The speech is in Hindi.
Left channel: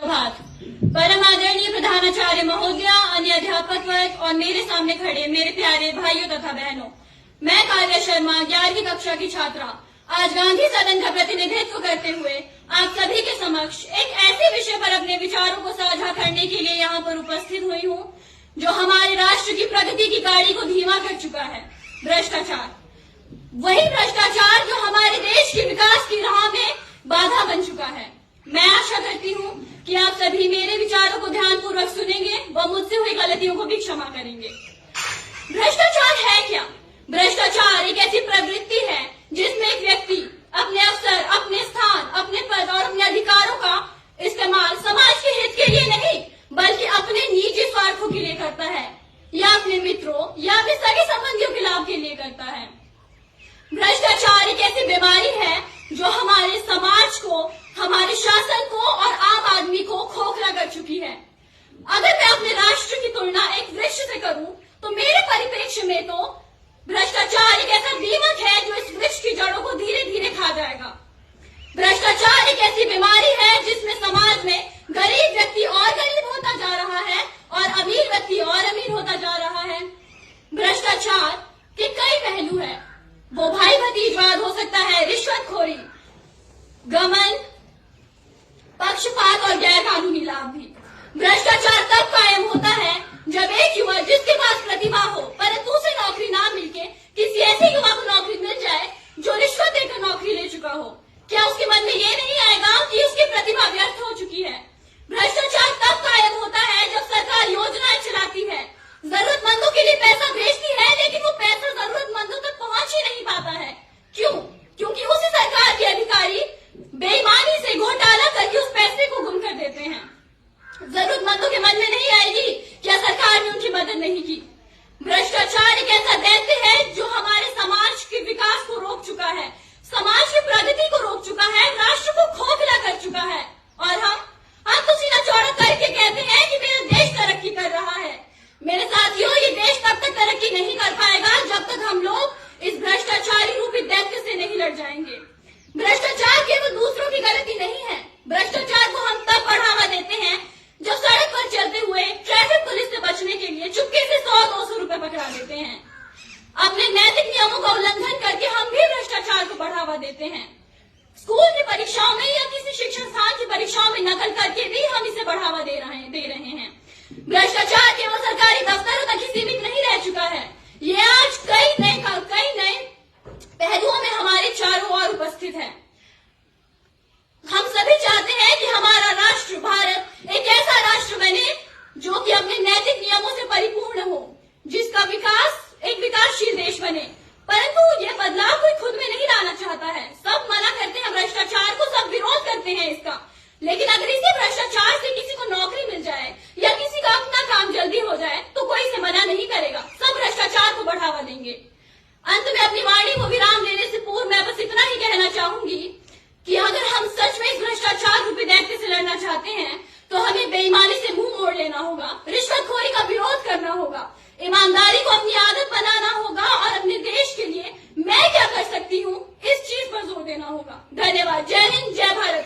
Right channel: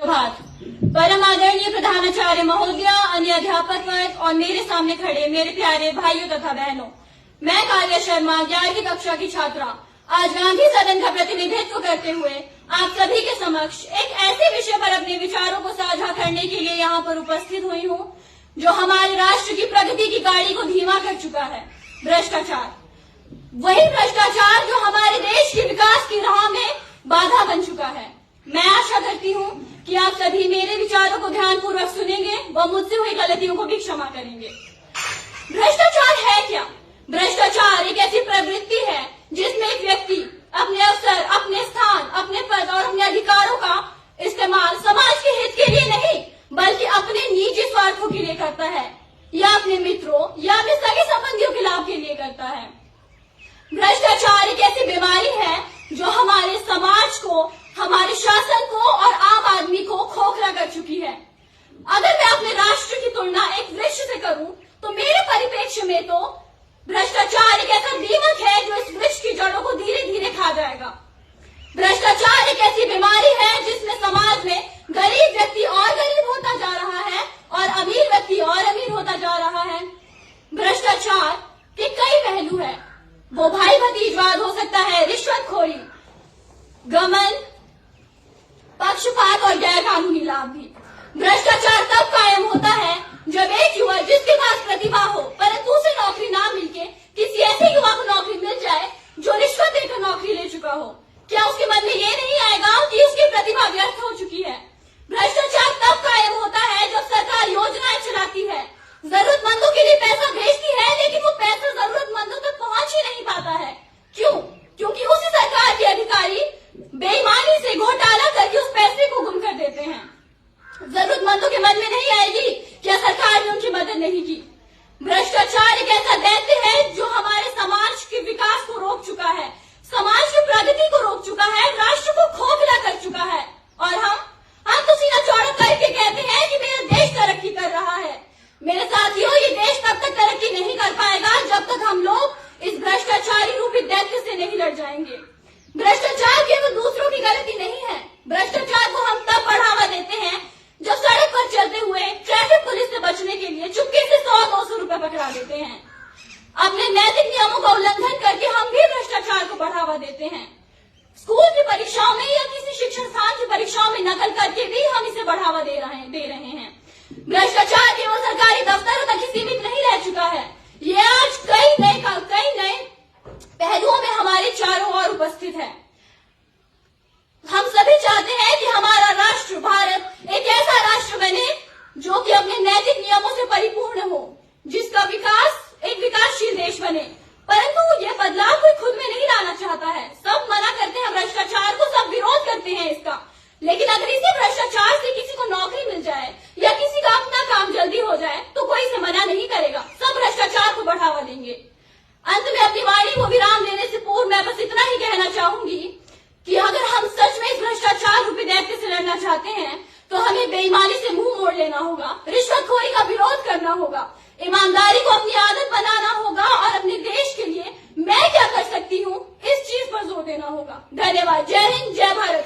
प्रभात। परम आदरणीय प्रधानाचार्य महोदय, अन्य अध्यापक वर्ग और मेरे सामने खड़े मेरे प्यारे भाइयों तथा बहनों, मैं काव्या शर्मा 11वीं कक्षा की छात्रा आज गांधी सदन का प्रतिनिधित्व करते हुए आप सभी के समक्ष एक ऐसे विषय पर अपने विचारों को साझा करने के लिए यहाँ पर उपस्थित हुई हूँ जो हमारे राष्ट्र की प्रगति की गाड़ी को धीमा कर चुका है, भ्रष्टाचार। वही भ्रष्टाचार जो हमारे देश के विकास की राह में बाधा बन चुका है। मैं आशा करती हूँ कि आप सभी मेरे विचारों को ध्यानपूर्वक सुनेंगे व मुझसे हुई गलतियों को भी क्षमा करेंगे। भ्रष्टाचार है क्या? भ्रष्टाचार एक ऐसी प्रवृत्ति है जिसमें एक व्यक्ति अपने अवसर, अपने स्थान, अपने पद और अपने अधिकारों का इस्तेमाल समाज के हित के लिए नहीं बल्कि अपने निजी स्वार्थों के लिए करता है या अपने मित्रों या अपने सगे संबंधियों के लाभ के लिए करता है। भ्रष्टाचार एक ऐसी बीमारी है जो हमारे समाज को, हमारे शासन को और आम आदमी को खोखला कर चुकी है। अगर मैं अपने राष्ट्र की तुलना एक वृक्ष से करूं तो मेरे परिप्रेक्ष्य में तो भ्रष्टाचार एक ऐसा दीमक है जो इस वृक्ष की जड़ों को धीरे धीरे खा जाएगा। भ्रष्टाचार एक ऐसी बीमारी है जिसमें समाज में गरीब व्यक्ति और गरीब होता जा रहा है और अमीर व्यक्ति और अमीर होता जा रहा है। भ्रष्टाचार के कई पहलू है। वो भाई भतीजवाद हो सकता है, रिश्वतखोरी, गमन, पक्षपात और गैर कानूनी लाभ भी। भ्रष्टाचार तब कायम होता है जब एक युवा जिसके पास प्रतिभा हो परंतु उसे नौकरी ना मिलके किसी ऐसे युवा को नौकरी मिल जाए जो रिश्वत देकर नौकरी ले चुका हो। क्या उसके मन में ये नहीं आएगा कि उसकी प्रतिभा व्यर्थ हो चुकी है? भ्रष्टाचार तब कायम होता है जब सरकार योजनाएं चलाती है, जरूरतमंदों के लिए पैसा भेजती है लेकिन वो पैसा जरूरतमंदों तक पहुंच ही नहीं पाता है। क्यों? क्योंकि उसी सरकार के अधिकारी बेईमानी से घोटाला करके उस पैसे को गुम कर देते हैं। जरूरतमंदों के मन में नहीं आएगी क्या सरकार ने उनकी मदद नहीं की। भ्रष्टाचार एक ऐसा दैत्य है जो हमारे समाज के विकास को रोक चुका है, समाज की प्रगति को रोक चुका है, राष्ट्र को खोखला कर चुका है। और हम तो सीना चौड़ा करके कहते हैं कि मेरा देश तरक्की कर रहा है। मेरे साथियों, ये देश तब तक तरक्की नहीं कर पाएगा जब तक हम लोग इस भ्रष्टाचारी रूपी दैत्य से नहीं लड़ जाएंगे। भ्रष्टाचार केवल दूसरों की गलती नहीं है। भ्रष्टाचार को हम तब बढ़ावा देते हैं जब सड़क पर चलते हुए ट्रैफिक पुलिस से बचने के लिए चुपके से 100-200 रुपए पकड़ा देते हैं। अपने नैतिक नियमों का उल्लंघन करके हम भी भ्रष्टाचार को बढ़ावा देते हैं। स्कूल की परीक्षाओं में या किसी शिक्षण संस्थान की परीक्षाओं में नकल करके भी हम इसे बढ़ावा दे रहे हैं। भ्रष्टाचार केवल सरकारी दफ्तरों तक ही सीमित नहीं रह चुका है, ये आज कई नए पहलुओं में हमारे चारों ओर उपस्थित है। हम सभी चाहते हैं कि हमारा राष्ट्र भारत एक ऐसा राष्ट्र बने जो कि अपने नैतिक नियमों से परिपूर्ण हो, जिसका विकास एक विकासशील देश बने। परंतु ये बदलाव कोई खुद में नहीं लाना चाहता है। सब मना करते हैं भ्रष्टाचार को, सब विरोध करते हैं इसका। लेकिन अगर इसी भ्रष्टाचार से किसी को नौकरी मिल जाए या किसी का अपना काम जल्दी हो जाए तो कोई इसे मना नहीं करेगा, सब भ्रष्टाचार को बढ़ावा देंगे। अंत में अपनी वाणी को विराम देने से पूर्व मैं बस इतना ही कहना चाहूंगी कि अगर हम सच में इस भ्रष्टाचार रूपी दैत्य से लड़ना चाहते हैं तो हमें बेईमानी से मुंह मोड़ लेना होगा, रिश्वतखोरी का विरोध करना होगा, ईमानदारी को अपनी आदत बनाना होगा और अपने देश के लिए मैं क्या कर सकती हूँ इस चीज पर जोर देना होगा। धन्यवाद। जय हिंद, जय भारत।